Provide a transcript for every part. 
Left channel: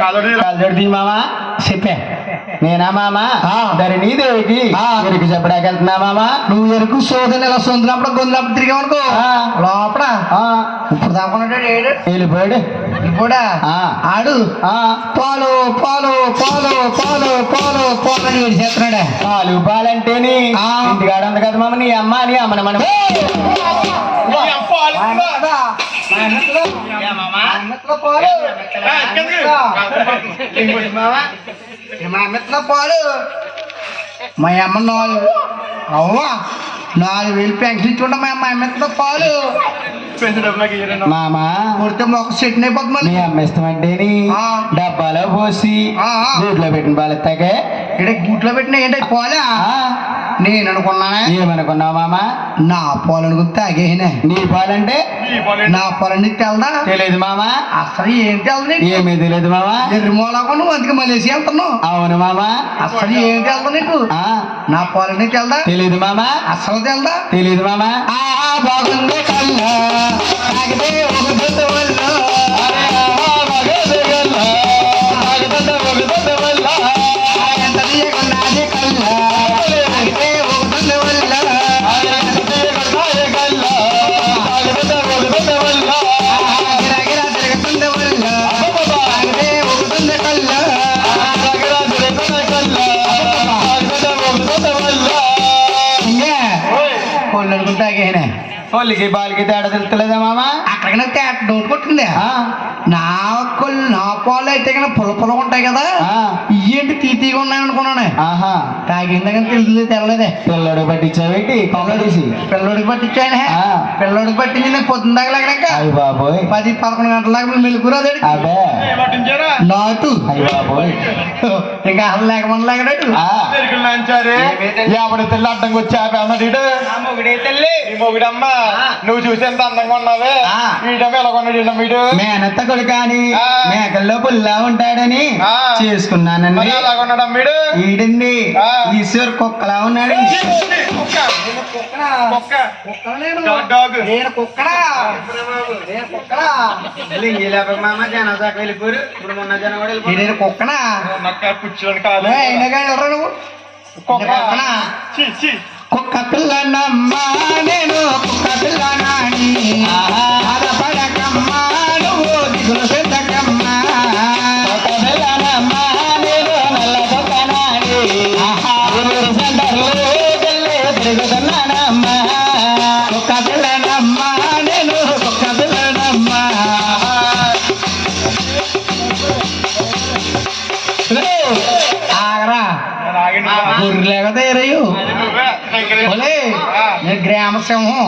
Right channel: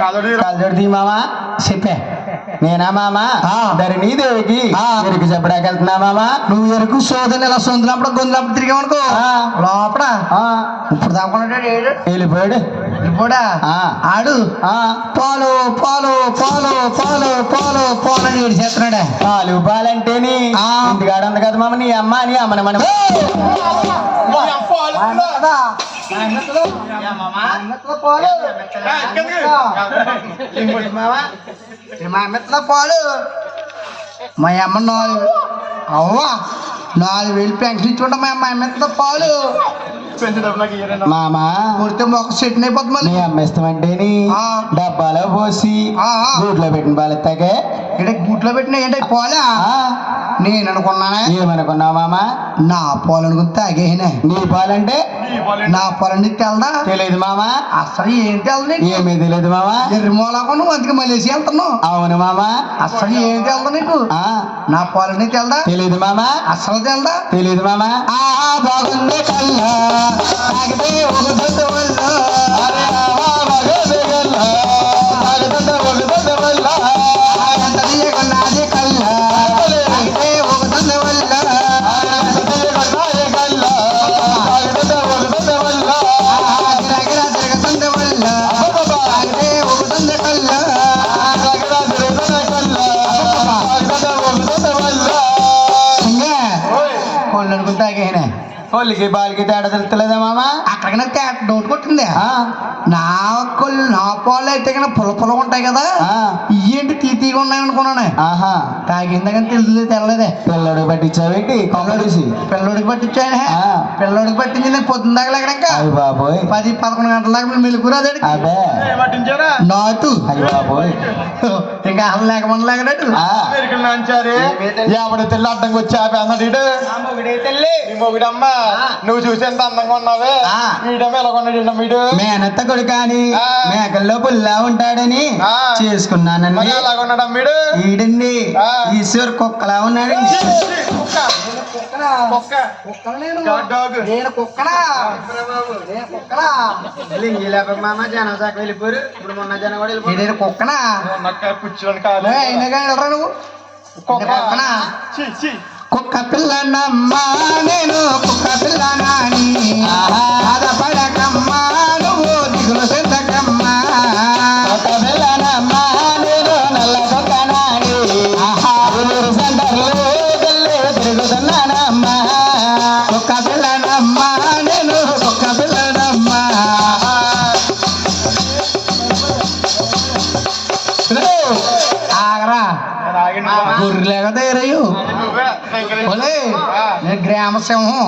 మామా చెప్పే. నేనా మామా? ధరణి దేవికి ఎరుకు చెప్పడానికి వెళ్తున్నా మామా? నువ్వు ఎరుకు సోదని ఇలా సొంతులప్పుడు గొంతులప్పుడు తిరిగామనుకో. లోపల. ఇప్పుడు దాకున్నాడు ఏడు. వెళ్ళిపోయాడు. ఇప్పుడా. ఆడు. ఆ, పాలు పాలు పాలు పాలు పాలు పాలు అని చేస్తున్నాడే. పాలు పాలంటేని. ఇంటికాడ ఉంది కదా మామ? నీ అమ్మ నీ అమ్మని మనం మా అమ్మట్లో పాలు మా అమ్మ నాలుగు అవ్వా నాలుగు వేలు పెన్షన్ ఇచ్చుకుంటా మా అమ్మ అమ్మట్లో పాలు మామా కొడితే మొక్క సెట్ అయిపోతుంది అమ్మ ఆ. డబ్బాలో పోసి. గూట్లో పెట్టిన పాలు ఎత్తాకే ఇక్కడ గుట్లో పెట్టిన ఏంటి పాలా? నేను అనుకున్నానే ఏమనుకున్నావు మామా? నా పాలు అనుకుని తాగేనే? నీ పాలంటే? నా పొలం నీకు తెలదా? తెలియదు మామా. అసలు ఏం తెలదు ఏమీ తెలియదు మామా. ఎర్రిమూలకు నువ్వు అందుకే మలేసి వెళ్తున్నావు. అవును మామా. అసలు ఏం తెలదు నీకు? ఆ, నా పొలం నీకు తెలదా? తెలియదు మామా. అసలు తెలదా? తెలియదు మామా. ఆ బాగుంది కళ్ళ పొలికి బాలికి తేడా తెలుస్తలేదా మామా? అక్కడికి నాకు తేట డౌట్ కొట్టింది. నా కొళ్ళు నా పాలు అయితే కన్నా పుల్ల పుల్ల ఉంటాయి కదా. తీ తీగా ఉన్నాయి అనుకున్నాను ఆహా. తాగిందా కానీ తెలియదు తెల్లలేదే పిల్లడు పట్టించావేంటి కొమ్మడిసి పిల్లోడికి పట్టించాయనే ఆ. పిల్లోడికి పట్టించి నేను పొద్దున్న దాకా లేకడాక. అయ్య బాబోయ్. పది పదకొండు గంటల దాకా మీరు మెలుగురు అదే. అబ్బే నాటు. అయ్య బాబోయ్. ఇంకా అసలు లేకమని లేకడాడు ఆ, ఎవడి తెల్లి అడ్డంకి వచ్చి ఆపేస్తున్నాడు ఈడు ఈ మొగుడమ్మ. నువ్వు చూసి ఎంత అందంగా ఉన్నావే. ఆ. వీడమ్మ ఎలా కొన్నాడు వీడమ్మ వీడు మేనత్త కొడుకాని ఆ. మేకల్లో పుల్లా ఉంటాడని ఆ. చేసుకున్నానండి. మరి ఎలా కొన్నాడమ్మ వీడు? ఈడండి. ఈశ్వర్ కుక్కలా డాగ్ నేను మామ జనం దాకా వెళ్ళిపోరు. ఇప్పుడు మొన్న జనం కూడా వెళ్ళిపోరు. నేను కుక్కనా? పుచ్చులని కాదు వెళ్ళరా నువ్వు? కుక్క. కుక్కనా? పిల్లనమ్మా నేను కుక్క పిల్లనాని గొర్రెలేక తయారయ్యు. ఒలే గ్రామ సింహం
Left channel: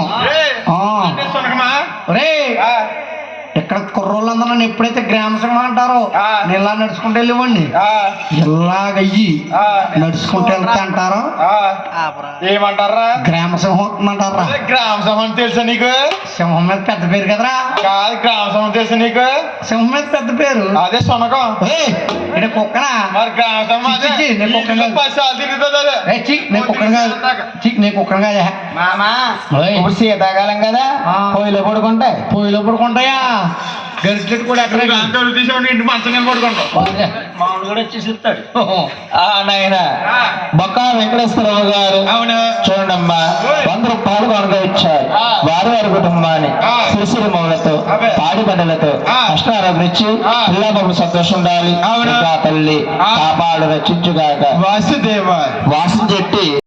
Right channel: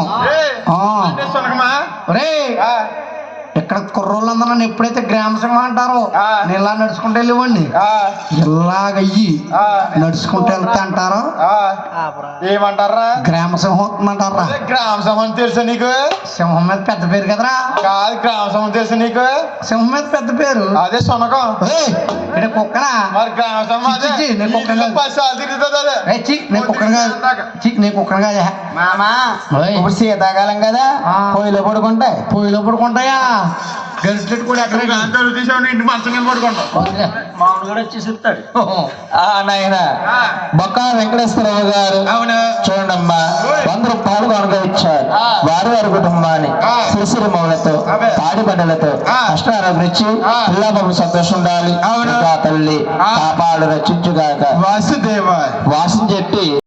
కుర్రోళ్ళందరూ నన్ను ఎప్పుడైతే గ్రామ సింహం అంటారో ఆ. నేను ఇలా నడుచుకుంటూ వెళ్ళివ్వండి ఆ, ఇలాగయ్యి ఆ, నడుచుకుంటూ వెళ్తే అంటారా? ఆ. ఏమంటారా? గ్రామ సింహం వస్తుందంటారా అదే గ్రామ సభ తెలుసా నీకు? సింహం మీద పెద్ద పేరు కదరా? కాదు గ్రామ సభ తెలుసా నీకు? సింహం మీద పెద్ద పేరు. అదే సునకం ఇక్కడ కుక్కనా మరి గ్రామ చి, నేను కుక్కను కాదు. పది సార్లు తిరుగుతుంది అదే. ఏ చి నేను కుక్కను కాదు. చి నేను కుక్కను కాదా. మామా ఓయ్. ఇప్పుడు శీతాకాలం కదా. ఆ. పొయ్యిలో పడుకుంటాయి. పొయ్యిలో పడుకుంటాయా? గరిటెట్ కూడా ఎక్కడ తీసావు ఇంటి మంచం కింద పడుకుంటావు. మామూలు కూడా వచ్చి చెప్తాడు ఆ నాయన. బొక్క వెంకటేశ్వరరావు గారు అవును. చూడమ్మా వంద రూపాయలు కనుక ఇచ్చారు. వారి వారి కుటుంబాన్ని ఆ. శిశురమములతో అదే. పాడి ఆ. అష్టారోగ్యం ఇచ్చి ఆ. పిల్లబాబు సంతోషం ఉండాలి. తల్లి ఆ. కాపాడు రక్షించుగాక. వాసుదేవ. వాసం చెట్టి